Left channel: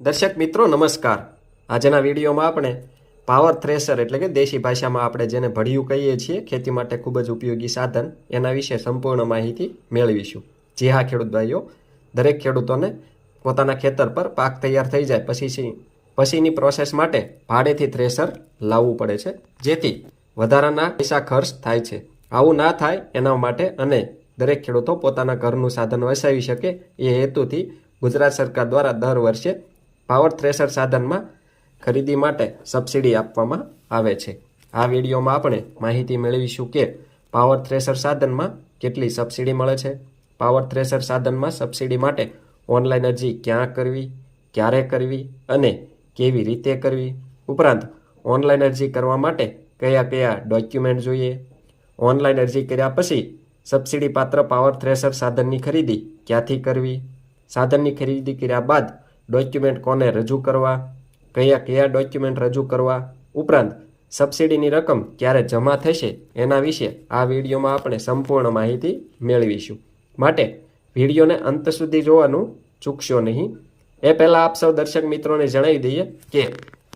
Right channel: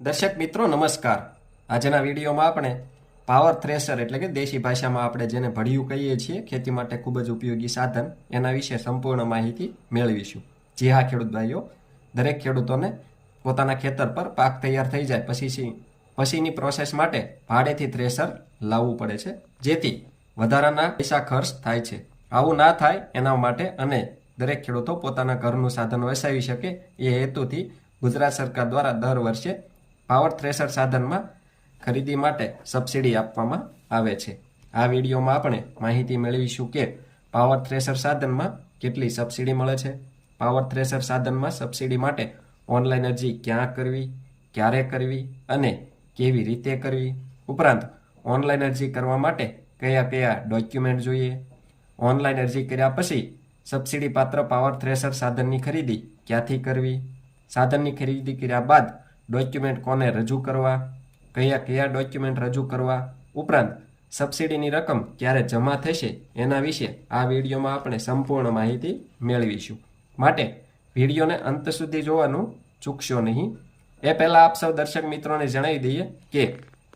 દર્શક મિત્રો, નમસ્કાર. આજના વિડીયોમાં આપણે પાવર થ્રેશર એટલે કે દેશી ભાષામાં આપણે જેને ભળિયું કહીએ છીએ, ખેતી માટે ખૂબ જ ઉપયોગી સાધન, એના વિશે સંપૂર્ણ માહિતી મેળવીશું. જી હા, ખેડૂત ભાઈઓ. દરેક ખેડૂતોને પોતાના ખેતર પર પાક તૈયાર થઈ જાય, પછી પછીની પ્રોસેસ માટે ભાડેથી થ્રેશર લાવવું પડે છે, જેથી વધારાના પૈસા ખર્ચ થાય છે. આવું ના થાય, એના માટે અને દરેક ખેડૂતો પોતાના ઘરનું સાધન વસાવી શકે, એ હેતુથી ગુજરાત સરકાર દ્વારા દર વર્ષે પાવર થ્રેશર સાધનમાં ખરીદી માટે સબસિડી આપવામાં આવે છે. આ વિડીયોમાં આપણે માહિતી મેળવીશું કે પાવર થ્રેશર સાધનમાં કેટલી સબસિડી મળે છે. પાવર થ્રેશર સાધનમાં સબસિડી માટે ઓનલાઈન અરજી ક્યાં કરવી, ક્યારે કરવી અને કેવી રીતે કરવી, ઉપરાંત ઓનલાઈન અરજી કરવા માટે કયા કયા ડોક્યુમેન્ટ જોઈએ, ઓનલાઈન અરજી કર્યા પછી સબસિડી પાત્ર પાવર થ્રેશર સાધનની ખરીદી ક્યાંથી કરવી, સાધનની ખરીદી કર્યા બાદ ડોક્યુમેન્ટ કોને રજૂ કરવા, કયા કયા ડોક્યુમેન્ટ રજૂ કરવા, ઉપરાંત સબસિડીની રકમ ક્યારે જમા થશે એના વિશે આ વિડીયોમાં આપણે સંપૂર્ણ માહિતી મેળવીશું. માટે વિડીયોને અંત સુધી જોવાનું ચૂકશો નહીં. એ પહેલાં આપ સૌ દર્શક મિત્રોને જણાવી દઈએ કે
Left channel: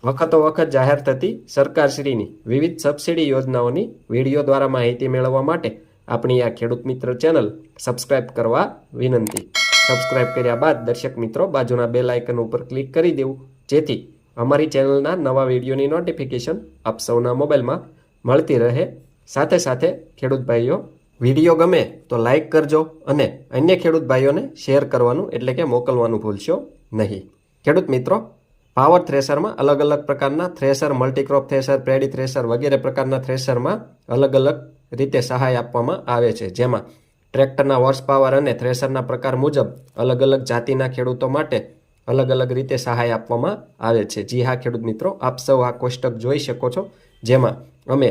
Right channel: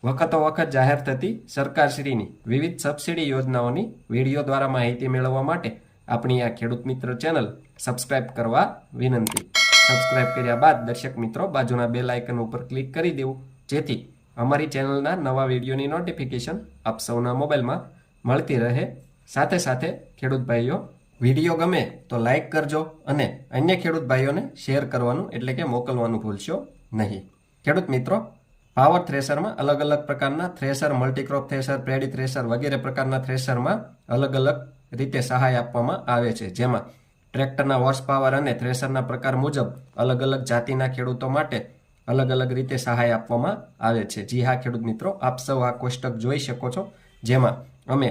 વખતો વખત જાહેર થતી સરકારશ્રીની વિવિધ સબસિડી યોજનાઓની વીડિયો દ્વારા માહિતી મેળવવા માટે આપણી આ ખેડૂત મિત્ર ચેનલ સબસ્ક્રાઇબ કરવા વિનંતી. સબસ્ક્રાઇબ કર્યા બાદ દર્શક મિત્રો બાજુના બેલ આઇકન ઉપર ક્લિક કરી દેવું. જેથી અમારી ચેનલના નવા વિડીયોની નોટિફિકેશન આપ સૌના મોબાઈલમાં મળતી રહે. સાથે સાથે ખેડૂત ભાઈઓ વીડિયો ગમે તો લાઇક કરજો અને અન્ય ખેડૂત ભાઈઓને શેર કરવાનું એટલે કે મોકલવાનું ભૂલશો નહીં. ખેડૂત મિત્રો પાવર થ્રેસરમાં અલગ અલગ પ્રકારના thresher multicrop thresher paddy thresher વગેરે પ્રકારના થ્રેશરમાં અલગ અલગ રીતે સહાય આપવામાં આવે છે. જેમાં ટ્રેક્ટરના હોર્સ પાવર અને થ્રેશરના પ્રકાર મુજબ અલગ અલગ જાતિના ખેડૂતો માટે અલગ અલગ રીતે સહાય આપવામાં આવે છે. જી હા, ખેડૂત મિત્રો, આપ સૌ આ કોષ્ટક જોઈ શકો છો, જેમાં અમે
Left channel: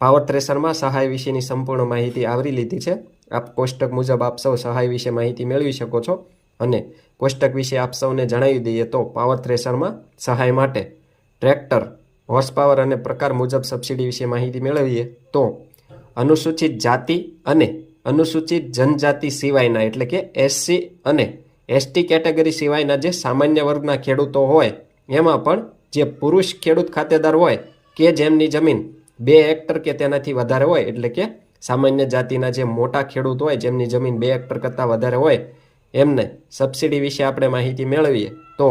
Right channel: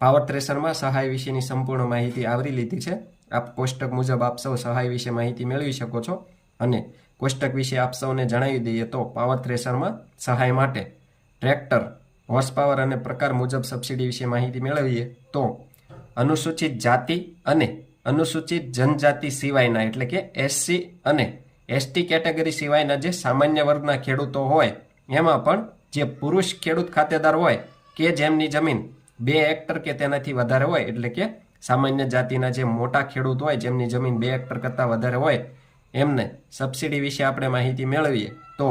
પાવર થ્રેશરમાં સહાય વિશેની સંપૂર્ણ માહિતી આવરી લીધી છે. આપ કોષ્ટક મુજબ આપ સૌ સહાય વિશે માહિતી મેળવી શકો છો અને કોષ્ટક વિશે આપ સૌને જણાવી દઈએ તો પાવર થ્રેશરમાં સહાય માટે ટ્રેક્ટર હોર્સ પાવર અને પ્રકાર મુજબ સબસિડી વિશે માહિતી મેળવીએ તો અનુસૂચિત જાતિ અને અનુસૂચિત જનજાતિ સિવાયના, એટલે કે એસસી અને એસટી કેટેગરી સિવાયના જે સામાન્ય વર્ગના ખેડૂતો હોય, એમાં પણ જે પુરુષ ખેડૂત ખાતેદાર હોય કે જેમની જમીન બે હેક્ટર કે તેનાથી વધારે હોય, એટલે કે સામાન્ય જાતિના જે મોટા ખેડૂત હોય, જેમની જમીન બે હેક્ટર કરતાં વધારે હોય, એમને સબસિડી વિશે આપણે માહિતી મેળવીએ, તો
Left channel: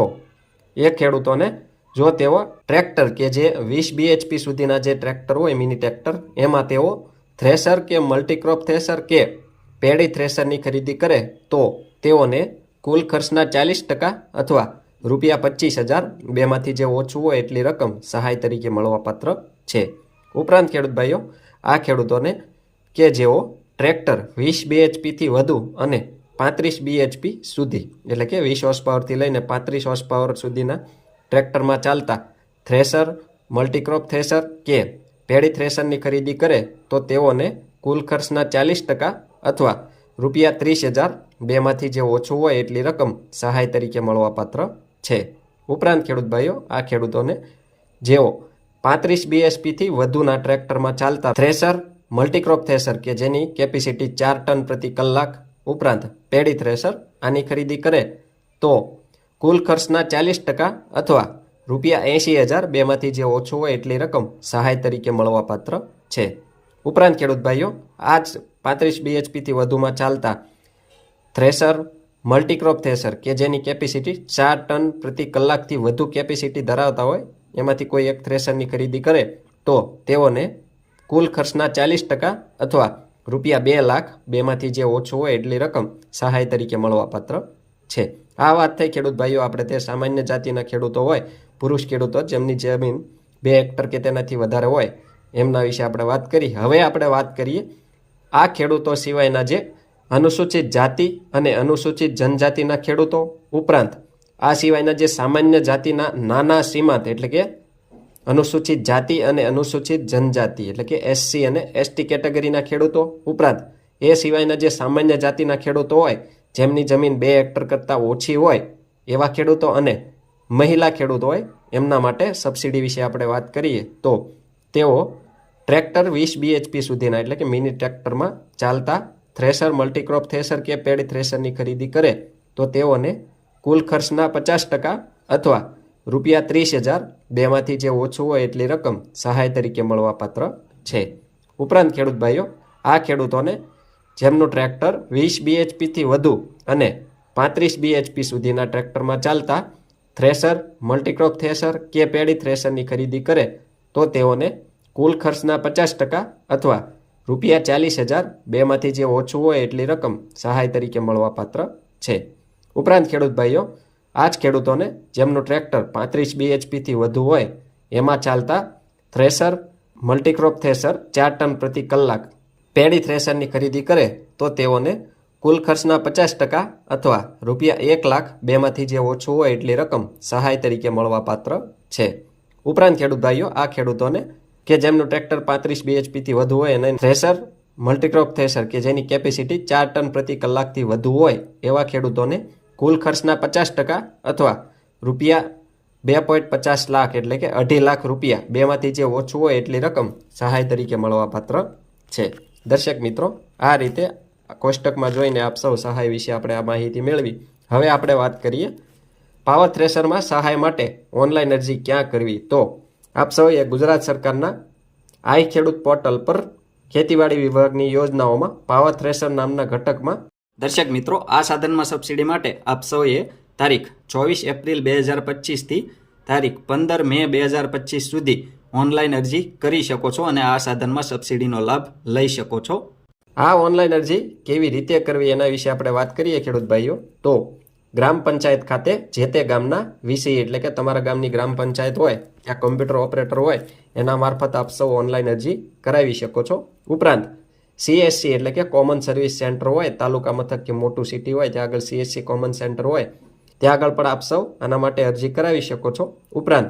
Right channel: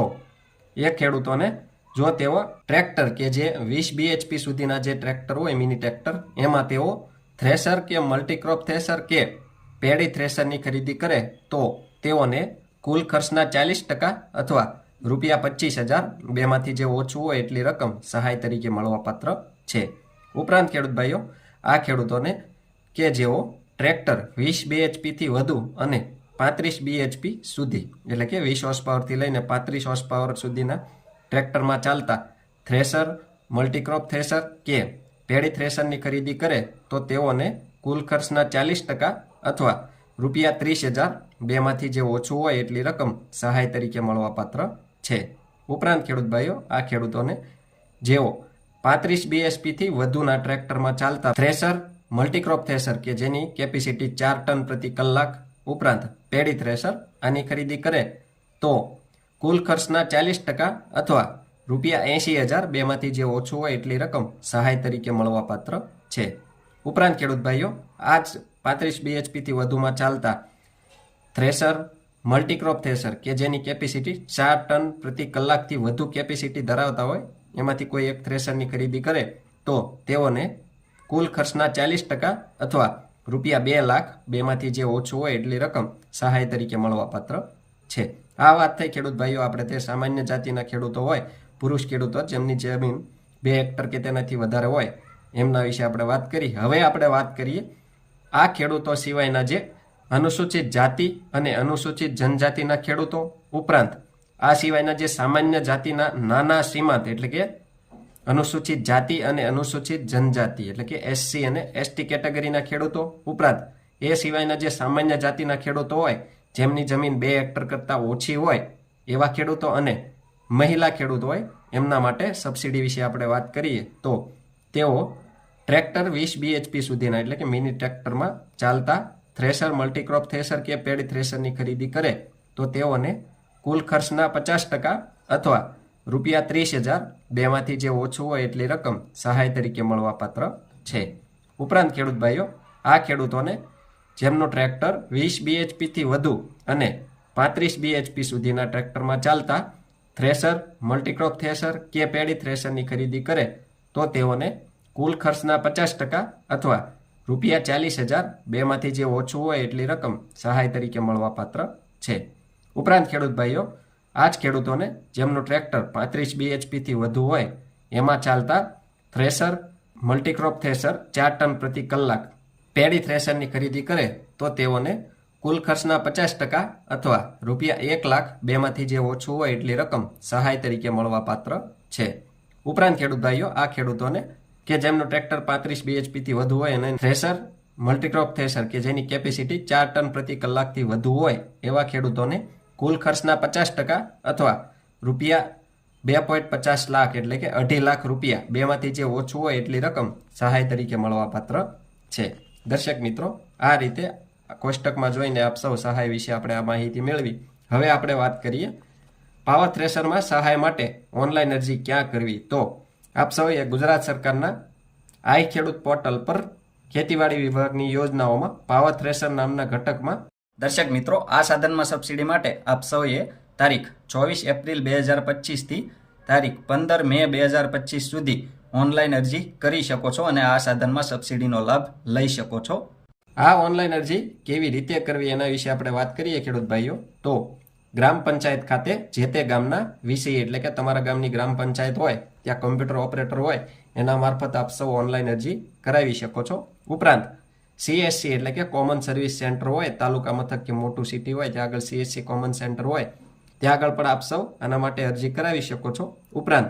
એ ખેડૂતોને જો તેઓ ટ્રેક્ટર કે જે વીસ બીએચપી સુધીના જે ટ્રેક્ટર હોય, મિની ટ્રેક્ટર, એમાં તેઓ થ્રેશર કે મલ્ટીક્રોપ થ્રેશર કે પેડી થ્રેશરની ખરીદી કરે તો તેઓને કુલ ખર્ચના ચાલીસ ટકા અથવા રૂપિયા પચીસ હજાર બેમાંથી જે ઓછું હોય એટલી રકમ સહાય તરીકે મળવાપાત્ર છે. ઉપરાંત ખેડૂત ભાઈઓ, આ ખેડૂતોને કે જેઓ ટ્રેક્ટર વીસ બીએચપીથી વધુ અને પાંત્રીસ બીએચપી સુધી, એટલે કે વીસ હોર્સ પાવરથી લઈને પાંત્રીસ હોર્સ પાવર સુધીના ટ્રેક્ટરમાં ચાલતા થ્રેશર, મલ્ટીક્રોપ થ્રેશર કે પેડી થ્રેશરની ખરીદી કરે તો તેઓને કુલ ખર્ચના ચાલીસ ટકા અથવા રૂપિયા ત્રીસ હજાર બેમાંથી જે ઓછું હોય એટલી રકમ સહાય તરીકે મળવાપાત્ર છે. ઉપરાંત ખેડૂત ભાઈઓ, આ ખેડૂતોને જેઓ પાંત્રીસ બીએસપીથી વધુના ટ્રેક્ટરમાં ચાલતા થ્રેશર, મલ્ટીક્રોપ થ્રેશર કે જેની કેપેસિટી ચાર ટન પ્રતિ કલાક ઉપરાંત પેડી થ્રેશર આની ખરીદી કરે તો કુલ ખર્ચના ચાલીસ ટકા અથવા રૂપિયા એંશી હજાર બેમાંથી જે ઓછું હોય એટલી રકમ સહાય તરીકે મળવાપાત્ર છે. ઉપરાંત ખેડૂત ભાઈઓ આ જ પાંત્રીસ બીએચપીથી વધુમાં ચાલતા થ્રેસર, મલ્ટીક્રોપ થ્રેસર કે જેની કેપેસિટી ચાર ટન પ્રતિ કલાકથી વધુ કેપેસિટી ધરાવતા હોય, એમાંથી કોઈ એક થ્રેસરની ખરીદી કરે તો તેઓને કુલ ખર્ચના ચાલીસ ટકા અથવા રૂપિયા બે લાખ બેમાંથી જે ઓછું હોય એટલી રકમ સહાય તરીકે મળવાપાત્ર છે. આ વાત થઈ. ખેડૂત ભાઈઓ, આપણે તે સામાન્ય જાતિના ખેડૂતો હોય પુરુષ ખેડૂતો જેમની જમીન બે હેક્ટર કે તેનાથી વધારે હોય, એમના વિશે આપણે વાત કરી. હવે આપણે વાત કરીએ આ ખેડૂતો સિવાયના જે અનુસૂચિત જાતિ અને અનુસૂચિત જનજાતિના ખેડૂતો ઉપરાંત, આ સિવાયના જે સામાન્ય જાતિના નાના સીમાંત એટલે કે અનુસૂચિત જાતિ અને અનુસૂચિત જનજાતિ એટલે કે એસસી અને એસટી કેટેગરીના ખેડૂતો ઉપરાંત, એ સિવાયના જે સામાન્ય જાતિના ખેડૂતો હોય, જેમની જમીન બે હેક્ટર કરતાં ઓછી હોય, એવા ખેડૂતો અને મહિલા ખેડૂત હોય, એમના માટે સબસિડી વિશે આપણે વાત કરીએ, તો તેઓ ટ્રેક્ટર વીસ બીએચપી સુધીના એટલે કે મિની ટ્રેક્ટરમાં ચાલતા થ્રેશર મલ્ટીક્રોપ થ્રેશર કે પેડ થ્રેશરની ખરીદી કરે, તો તેઓને કુલ ખર્ચના પચાસ ટકા અથવા રૂપિયા ત્રીસ હજાર બેમાંથી જે ઓછું હોય એટલી રકમ સહાય તરીકે મળવાપાત્ર છે. ઉપરાંત ખેડૂત ભાઈઓ, આ ખેડૂતોને જેમનું ટ્રેક્ટર વીસ બીએચપીથી વધુ અને પાંત્રીસ બીએચપી સુધીના ટ્રેક્ટરમાં ચાલતા થ્રેશર, મલ્ટીક્રોપ થ્રેશર કે પેડી થ્રેશરની ખરીદી કરે, તો તેઓને કુલ ખર્ચના પચાસ ટકા અથવા રૂપિયા ચાલીસ હજાર બેમાંથી જે ઓછું હોય એટલી રકમ સહાય તરીકે મળવાપાત્ર છે. ઉપરાંત ખેડૂત ભાઈઓ, આ જ ખેડૂતોને જેમનું ટ્રેક્ટર પાંત્રીસ બીએચપીથી વધુ હોય, એમાં ચાલતા થ્રેશર, મલ્ટીક્રોપ થ્રેશર ચાર ટન પ્રતિ કલાક પેડી થ્રેશરની ખરીદી કરે, તો તેઓને કુલ ખર્ચના પચાસ ટકા અથવા રૂપિયા એક લાખ બેમાંથી જે ઓછું હોય એટલી રકમ સહાય તરીકે મળવાપાત્ર છે. ઉપરાંત ખેડૂત ભાઈઓ, આ ખેડૂતોને કે જેમનું ટ્રેક્ટર પાંત્રીસ બીએચપીથી વધુ હોય અને થ્રેસર, મલ્ટીક્રોપ થ્રેસર કે જેની કેપેસિટી ચાર ટન પ્રતિ કલાકથી વધુ હોય, એવા ખેડૂતોને કુલ ખર્ચના પચાસ ટકા અથવા રૂપિયા બે પોઈન્ટ પચાસ લાખ એટલે કે અઢી લાખ રૂપિયા બેમાંથી જે ઓછું હોય એટલી રકમ સહાય તરીકે મળવાપાત્ર છે. દર્શક મિત્રો, આ રીતે કોષ્ટકમાં જોઈને આપ સૌ સહાય વિશે આપણે આ માહિતી મેળવી. હવે આપણે વાત કરીએ પાવર થ્રેશરમાં સહાય માટે ઓનલાઈન અરજી ક્યાં કરવી? તો આપ સૌએ ગુજરાત સરકારના આઈ ખેડૂત પોર્ટલ પર ખેતીવાડી વિભાગની યોજનાઓમાં પાવર થ્રેશર નામના ઘટકમાં દર્શક મિત્રો, આ સાધનમાં સબસિડી માટે આપ સૌએ તારીખ ચોવીસ એપ્રિલ બે હજાર પચીસથી તારીખ પંદર મે બે હજાર પચીસ સુધી ઓનલાઈન અરજી કરી શકો છો અને આ સાધનમાં સબસિડીનો લાભ લઈ શકો છો. આ ઓનલાઈન અરજી કેવી રીતે કરવી એના વિશે આપણે વાત કરીએ ખેડૂત ભાઈઓ. તો ગ્રામ પંચાયત ખાતે જે તે ગામના વિષય એટલે કે તમારા ગામની ગ્રામ પંચાયત હોય ત્યાં કોમ્પ્યુટર ઓપરેટર હોય, એના મારફત આપ સૌ ઓનલાઈન અરજી કરાવી શકો છો. ઉપરાંત સીએસસી એટલે કે કોમન સર્વિસ સેન્ટર હોય, તાલુકા મથક કે મોટું સિટી હોય ત્યાં આગળ સીએસસી કોમન સેન્ટર હોય, ત્યાં આગળ પણ આપ સૌ આના માટે અરજી કરાવી શકો છો. ઉપરાંત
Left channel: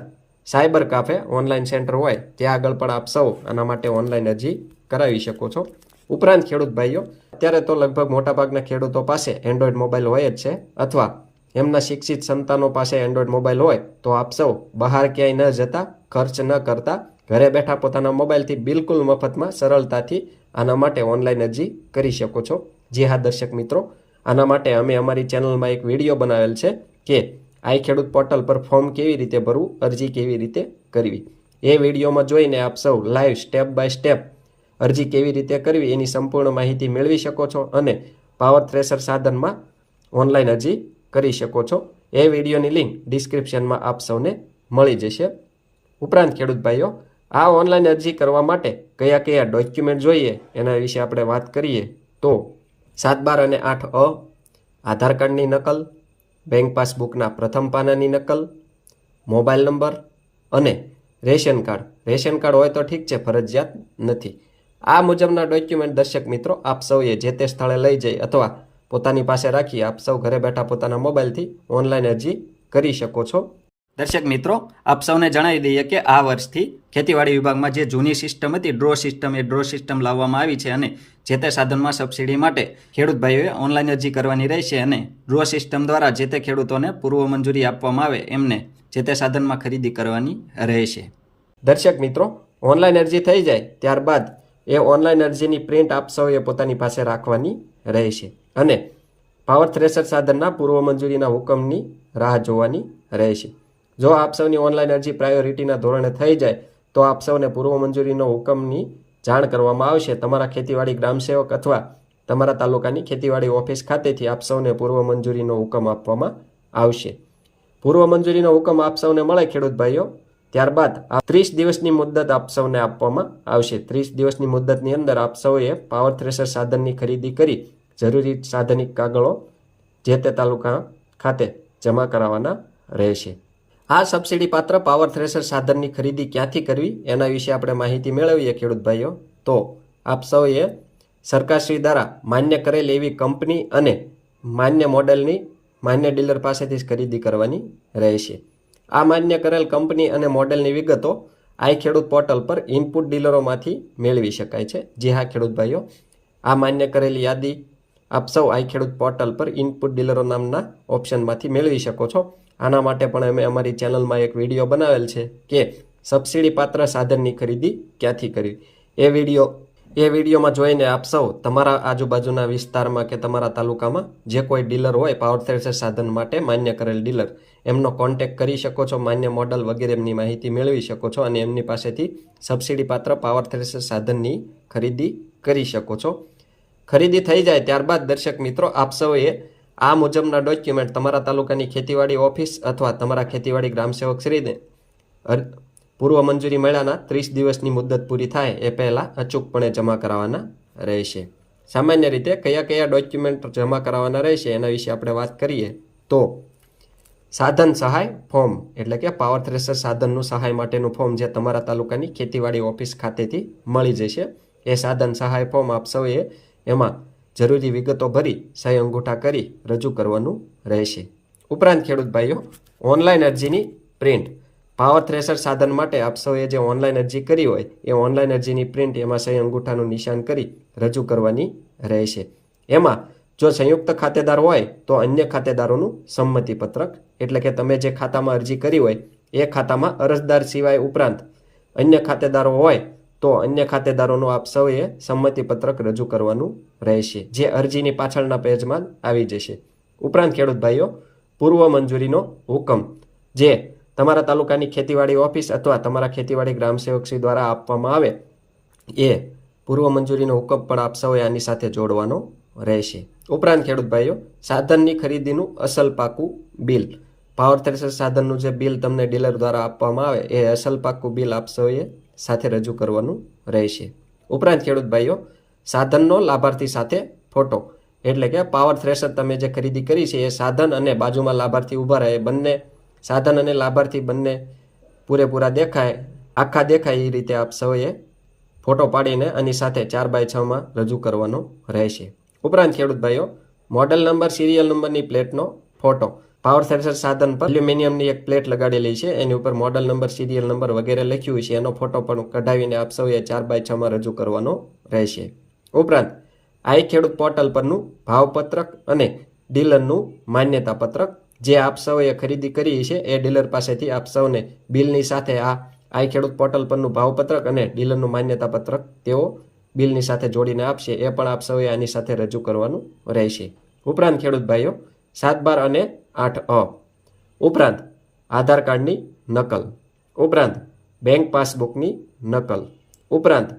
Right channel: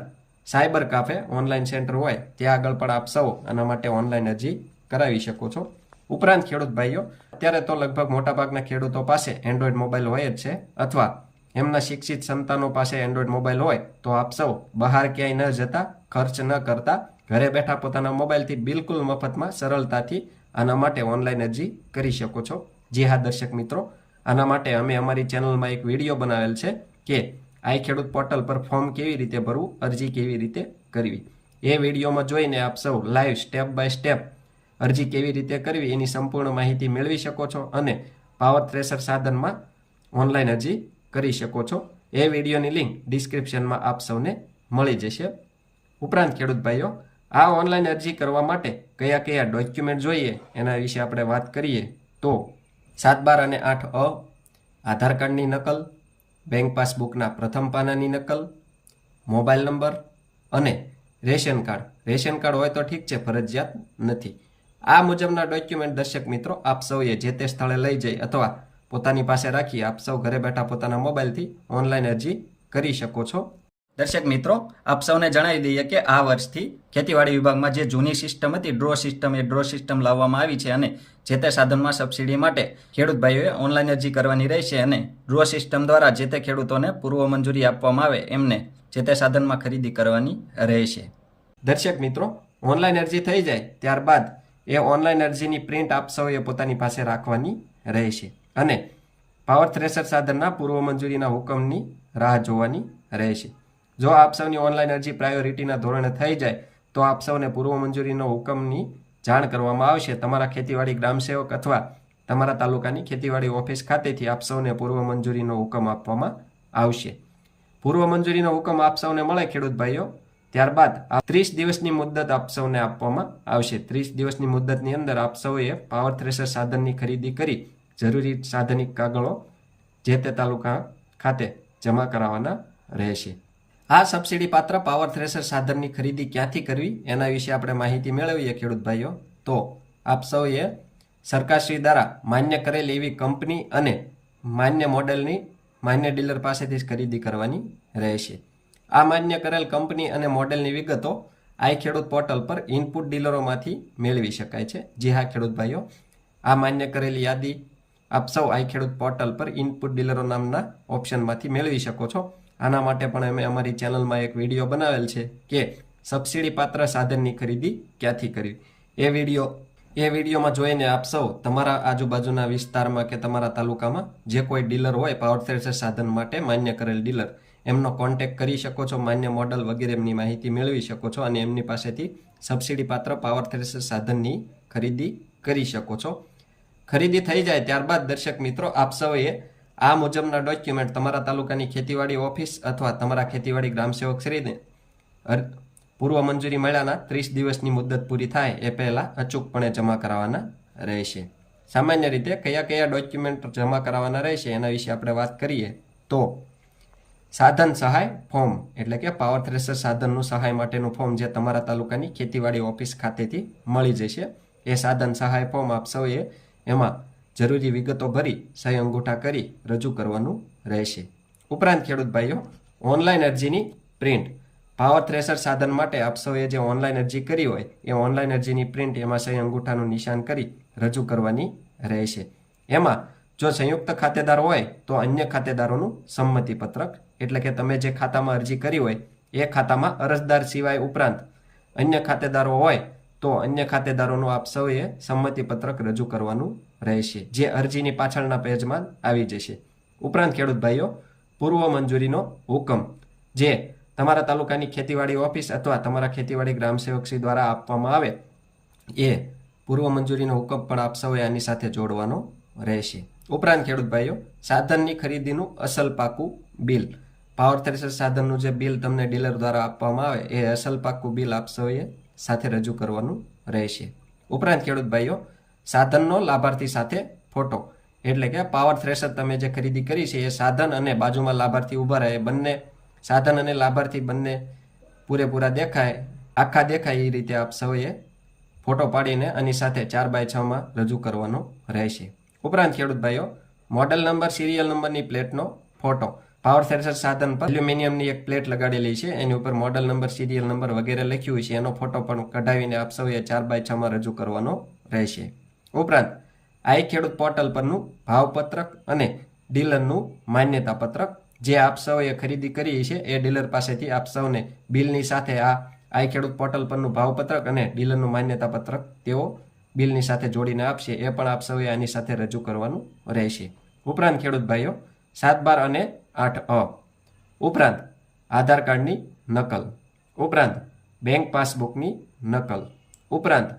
સાયબર કાફે ઓનલાઈન સેન્ટર હોય, ત્યાં આગળ પણ આપ સૌ આના માટે ઓનલાઈન અરજી કરાવી શકો છો. ઉપરાંત ખેડૂત ભાઈઓ, અત્યારે તો લગભગ મોટાભાગના ખેડૂતો પાસે એન્ડ્રોઈડ મોબાઈલ હોય જ છે, અથવા એમના શિક્ષિત સંતાનો પાસે એન્ડ્રોઈડ મોબાઈલ હોય, તો આપ સૌ બહાર ક્યાંય ન જતા, ખર્ચ ન કરતા, ઘરે બેઠા પોતાના મોબાઈલથી બિલકુલ મફતમાં, સરળતાથી આના માટે ઓનલાઈન અરજી કરી શકો છો. જી હા, દર્શક મિત્રો, આના માટે અમે અમારી ચેનલમાં એક વીડિયો બનાવેલ છે કે આઈ ખેડૂત પોર્ટલ પર ફોર્મ કેવી રીતે ભરવું, અરજી કેવી રીતે કરવી. એ વિડીયોમાં જોઈને આપ સૌ લાઈવ સ્ટેપ બાય સ્ટેપ અરજી કેવી રીતે કરવી એની સંપૂર્ણ માહિતી મેળવી શકો છો અને પાવર થ્રેસર સાધનમાં ઓનલાઈન અરજી કરી શકો છો. એ વિડીયોની લિંક ડિસ્ક્રિપ્શનમાં આપ સૌને મળી જશે. ઉપરાંત ખેડૂત ભાઈઓ, આ ઓનલાઈન અરજી કરવા માટે કયા કયા ડોક્યુમેન્ટ જોઈએ એના વિશે આપણે વાત કરીએ તો સાત બાર અને આઠ અ, આધાર કાર્ડની નકલ બેંક પાસબુકના પ્રથમ પાનાની નકલ મોબાઈલ નંબર અને રેશન કાર્ડ. રેશન કાર્ડ હોય તો ઠીક છે, ફરજિયાત નથી. આ મુજબના ડોક્યુમેન્ટ દર્શક મિત્રો, આપ સૌએ જે તે સ્થળે લઈ જઈ અથવા પોતાની પાસે રાખી આપ સૌ ઘરે બેઠા પોતાના મોબાઈલથી ઓનલાઈન અરજી કરી શકો છો. દર્શક મિત્રો, આપ સૌને જણાવી દઈએ કે આ વર્ષથી ખેતીવાડી વિભાગમાં જે જૂની સિસ્ટમ હતી ડ્રો સિસ્ટમ એ ડ્રો સિસ્ટમ લાવવામાં આવી છે અને જે તે સાધનમાં સબસિડી માટે ખેડૂત ભાઈઓએ ઓનલાઈન અરજી કરવાની રહેશે અને ડ્રો સિસ્ટમ દ્વારા જે તે ખેડૂતોને પૂર્વ મંજૂરી આપવામાં આવે, એમને જે તે સાધનમાં ખરીદી કરવાની રહેશે. દર્શક મિત્રો, ઓનલાઈન અરજી થઈ જાય ત્યારબાદ એ ઓનલાઈન અરજીની પ્રિન્ટ આપ સૌએ પોતાની પાસે રાખવાની રહેશે. અને પાવર થ્રેશર સાધનના પૂર્વ મંજૂરીના હુકમની રાહ જોવાની રહેશે. જો આપ સૌની ઓનલાઈન અરજી પ્રાયોરિટીના ધોરણે થઈ જાય, તો આપ સૌને પૂર્વ મંજૂરીનો હુકમની જાણ કરવામાં આવશે. તમારા ખેતીવાડી ગ્રામસેવક અથવા તમારા તાલુકાની ખેતીવાડી ઓફિસ ખાતેથી આપ સૌને પૂર્વ મંજૂરીનો હુકમ આપવામાં આવશે. પૂર્વ મંજૂરીનો હુકમ આપ સૌને મળે, ખેડૂત ભાઈઓ. ત્યારબાદ આ ત્રીસ દિવસની મુદત આપ સૌને આપવામાં આવશે. ત્રીસ દિવસની મુદતની અંદર આપ સૌએ પાવર થ્રેશર સાધનની ખરીદી કરી જરૂરી સાધનિક કાગળો જે તે તાલુકા ખાતે જમા કરાવવાના રહેશે. આ સબસિડી પાત્ર પાવર થ્રેશર સાધનની ખરીદી ક્યાંથી કરવી એના વિશે આપણે માહિતી મેળવીએ ખેડૂત ભાઈઓ. તો આપ સૌએ સરકારશ્રી દ્વારા માન્ય કરેલ એવી કંપની અને માન્ય મોડેલની માન્ય ડીલર પાસેથી જ ખરીદી કરવાની રહેશે. આ માન્ય કરેલ કંપની અને મોડેલની વિગતો આઈ ખેડૂત પોર્ટલ પર ઇનપુટ ડીલરોમાંથી મેળવી શકાય છે. જી હા, ખેડૂત ભાઈઓ, આ માન્ય કરેલી યાદી આપ સૌ આઈ ખેડૂત પોર્ટલ પર ઇનપુટ ડીલરો નામના ઓપ્શનમાંથી મેળવી શકો છો. આના માટે પણ અમે અમારી ચેનલમાં એક વીડિયો બનાવેલ છે કે સબસિડી પાત્ર સાધનની ખરીદી ક્યાંથી કરવી. એ વીડિયો, એ વિડીયોમાં જોઈને આપ સૌ તમારા આજુબાજુના વિસ્તારમાં કે તમારા તાલુકામાં જે કોઈ ડીલર હોય પાવર થ્રેસર સાધન માટે માન્ય કરેલ ડીલર એમનો કોન્ટેક કરી શકો છો, માન્ય મોડલ વગેરે એમની માહિતી મેળવી શકો છો અને એમની પાસેથી સબસિડી પાત્ર પાવર થ્રેસર સાધનની ખરીદી કરી શકો છો. ખરીદી થઈ જાય ત્યારબાદ દર્શક મિત્રો, આપ સૌએ આ મુજબના ડોક્યુમેન્ટ તમારા તાલુકાની ખેતીવાડી ઓફિસ અથવા તમારા ખેતીવાડી ગ્રામસેવક શ્રીને પૂર્વ મંજૂરી મળ્યાના ત્રીસ દિવસની મુદત પૂરી થાય એ પહેલાં અચૂકપણે જમા કરાવવાના રહેશે. સામાન્ય રીતે કયા કયા ડોક્યુમેન્ટ જમા કરાવવાના રહેશે એના વિશે આપણે વાત કરીએ તો સાધન સહાય, ફોર્મ. એટલે કે પાવર થ્રેસર સાધનનું સહાય માટેનું ફોર્મ જે તમારા તાલુકાની ખેતીવાડી ઓફિસ ખાતેથી મળી જશે. એ સાધન સહાય ફોર્મ આપ સૌએ એમાં જરૂરી વિગતો ભરી, સહી અંગૂઠા કરી, રજૂ કરવાનું રહેશે. ઉપરાંત ખેડૂત ભાઈઓ ઓનલાઈન અરજીની પ્રિન્ટ પાવર થ્રેસર સાધન માટે આપ સૌએ જે ઓનલાઈન અરજી કરી હોય, એ ઓનલાઈન અરજીની પ્રિન્ટ એમાં સહી અંગૂઠાનું નિશાન કરી, રજૂ કરવાની રહેશે. એમાં જો સંયુક્ત ખાતેદાર હોય, તો અન્ય ખાતેદારોનું સંમતિ પત્રક એટલે કે તમે જે ખાતામાં અરજી કરી હોય, એ ખાતામાં અરજદાર સિવાય ઉપરાંત અન્ય ખાતેદારો હોય, તો અન્ય ખાતેદારોનું આપ સૌએ સંમતિ પત્રક રજૂ કરવાનું રહેશે, જે અરજીની પાછળના પેજમાં આવી જશે. ઉપરાંત ખેડૂત ભાઈઓ, પૂર્વ મંજૂરીનો હુકમ, જે તમારા તાલુકાની ખેતીવાડી ઓફિસ અથવા તમારા ખેતીવાડી ગ્રામસેવકશ્રી દ્વારા આપવામાં આવે, એ પૂર્વ મંજૂરીનો હુકમ પણ આપ સૌએ આની સાથે જોડવાનો રહેશે. ઉપરાંત ખેડૂત ભાઈઓ, સાધનની ખરીદીનું અસલ પાકું બિલ. પાવર થ્રેશર સાધનનું જે બિલ તમને ડીલર દ્વારા આપવામાં આવે, એ અસલ પાકું બિલ આપ સૌએ સાથે રજૂ કરવાનું રહેશે. ઉપરાંત ખેડૂત ભાઈઓ, સાધનનો લાભાર્થી સાથે ફોટો. એટલે કે પાવર થ્રેશર તમે જે ખરીદી કરી છે, એ સાધન અને બાજુમાં લાભાર્થી ઊભા રહે બંને સાધન અને લાભાર્થી બંને પૂરેપૂરા દેખાય, આખા દેખાય એ રીતે આપ સૌએ ફોટો પાડીને આની સાથે ચાર બાય છમાં રજૂ કરવાનો રહેશે. ઉપરાંત ખેડૂત ભાઈઓ, મોડલ નંબર સિરિયલ નંબરની પ્લેટનો ફોટો પાવર સેન્સર સાધન પર એલ્યુમિનિયમની એક પ્લેટ લગાડેલી છે. એની ઉપર મોડલ નંબર સિરિયલ નંબર વગેરે લખ્યું છે. એનો ફોટો પણ કઢાવીને આપ સૌએ ચાર બાય છમાં રજૂ કરવાનો રહેશે. ઉપરાંત આઈ ખેડૂત પોર્ટલ પરનું ભાવપત્રક અને ડીલરનું માન્યતા પત્રક જે આપ સૌએ ખરીદી કરી છે, એ ડીલર પાસેથી આપ સૌને બિલની સાથે આ આઈ ખેડૂત પોર્ટલ પરનું ભાવપત્રક અને ડીલરનું માન્યતા પત્રક તેઓ બિલની સાથે જોડીને આપશે, એ પણ આપ સૌએ આની સાથે રજૂ કરવાનું રહેશે. ઉપરાંત, ખેડૂત ભાઈઓ, સાત બાર અને આઠ અ. ઉપરાંત, આધાર કાર્ડની નકલ. ઉપરાંત, બેંક પાસબુકની નકલ. ઉપરાંત,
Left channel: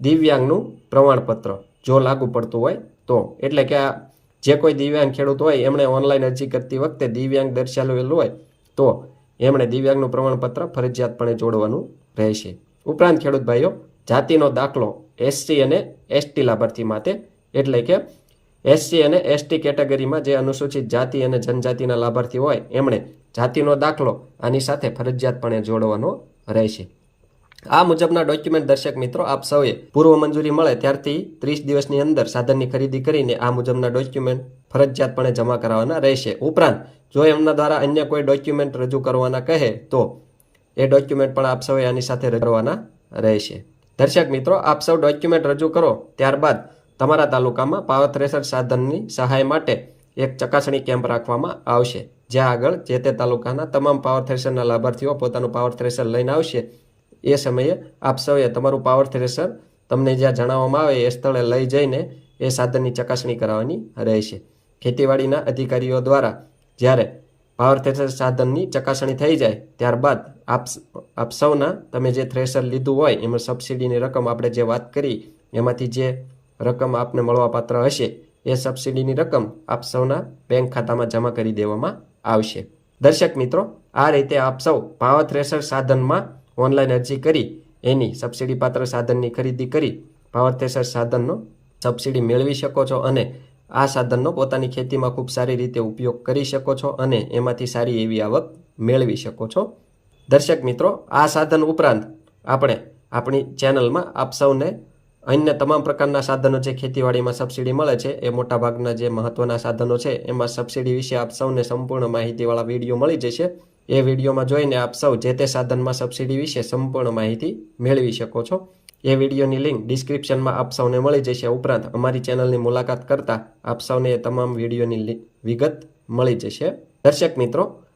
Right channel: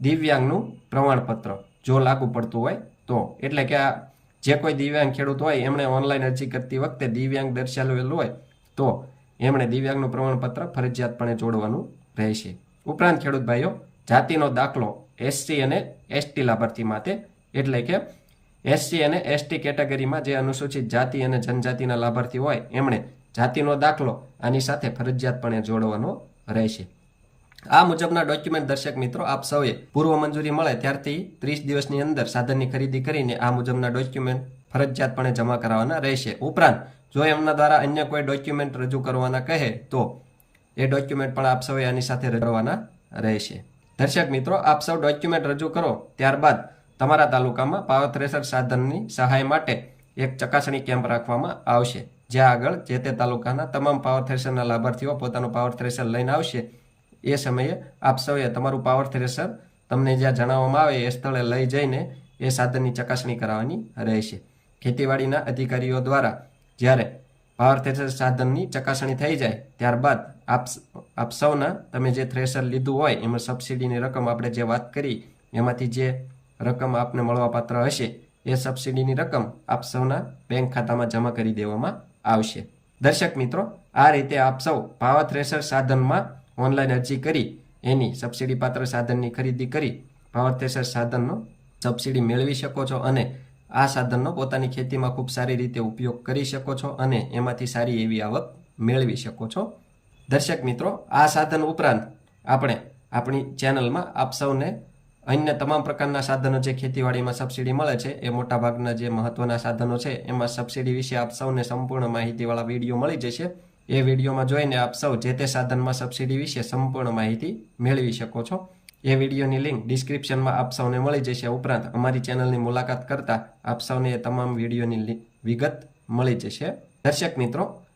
દિવ્યાંગનું પ્રમાણપત્ર, જો લાગુ પડતું હોય તો. એટલે કે આ જે કોઈ દિવ્યાંગ ખેડૂત હોય, એમણે ઓનલાઈન અરજી કરતી વખતે દિવ્યાંગ દર્શાવેલું હોય, તો એમણે દિવ્યાંગનું પ્રમાણપત્ર ફરજિયાતપણે જોડવાનું રહેશે. ઉપરાંત, ખેડૂત ભાઈઓ જાતિનો દાખલો એસસી અને એસટી લાભાર્થી માટે. એટલે કે એસસી અને એસટી કેટેગરીમાં જે અનુસૂચિત જાતિ અને જનજાતિના લાભાર્થી હોય, એમણે જાતિનો દાખલો આની સાથે ફરજિયાતપણે જોડવાનો રહેશે. આ મુજબના ડોક્યુમેન્ટ દર્શક મિત્રો, આપ સૌએ પૂર્વ મંજૂરી મળે ત્યારથી ત્રીસ દિવસની અંદર સાધનની ખરીદી કરીને આ મુજબના ડોક્યુમેન્ટ ફરજિયાતપણે જમા કરાવવાના રહેશે. ઉપરાંત, જો એમના દ્વારા અન્ય કોઈ ડોક્યુમેન્ટ રજૂ કરવાના કહે, તો એ ડોક્યુમેન્ટ પણ આપ સૌએ આની સાથે રજૂ રહેશે. દર્શક મિત્રો, આપ સૌ ડોક્યુમેન્ટ રજૂ કરો. ત્યારબાદ તમારા તાલુકામાં પાવર થ્રેસર સાધનની સહાય માટે એક ચકાસણી કેમ્પ રાખવામાં આવશે. જ્યાં આગળ જે તે તાલુકાના તમામ પાવર થ્રેસરના લાભાર્થીઓ પોતાનું પાવર થ્રેસર લઈને આવશે. એ સમયે આપ સૌએ તમારું પાવર થ્રેશર તમને જ્યાં જણાવવામાં આવે એ સ્થળે લઈ જઈને એ સાધનની ચકાસણી કરાવવાની રહેશે. ખેતીવાડીના અધિકારીઓ દ્વારા જ્યારે પાવર થ્રેસર સાધનની ચકાસણી થઈ જાય, ત્યારબાદ આપ આપ સૌના તમે જે થ્રેશર લીધું હોય, એમાં સબસિડીની રકમ આપણે જે વાત કરી, એમાંથી જે રકમ આપને મળવાપાત્ર હશે, એ સબસિડીની રકમ આપ સૌના બેંક ખાતામાં જમા કરી દેવામાં આવશે. દર્શક મિત્રો, આ રીતે આપ સૌ પાવર થ્રેશર સાધનમાં ઓનલાઈન અરજી કરી, એની સબસિડી પાત્ર સાધનની ખરીદી કરી પાવર થ્રેશર સાધનનો સબસિડી મેળવી શકો છો અને આ સાધનનો પોતાની ખેતીમાં ખૂબ સારી રીતે ઉપયોગ કરી શકો છો અને એમાંથી સારી એવી આવક મેળવી શકો છો. દર્શક મિત્રો, આ સાધન ઉપરાંત આપણે આપણી ચેનલમાં આપ સૌને અન્ય તમામ પ્રકારના સાધનો જે ખેતીવાડીમાં સબસિડી મળે છે, એ મોટાભાગના જે મહત્વના સાધનો છે, એમાં સબસિડી વિશે આપ સૌને સંપૂર્ણ માહિતીવાળા વીડિયો મળી જશે. એ વિડીયોમાં જોઈને આપ સૌ જે તે સાધનમાં સબસિડી વિશે સંપૂર્ણ માહિતી મેળવી શકો છો. એ વિડીયોની લિંક ડિસ્ક્રિપ્શનમાં આપ સૌને મળી જશે. ઉપરાંત અમારી ચેનલની મુલાકાત કરતા આપ સૌને એ તમામ વિડીયોની વિગત મળી જશે. દર્શક મિત્રો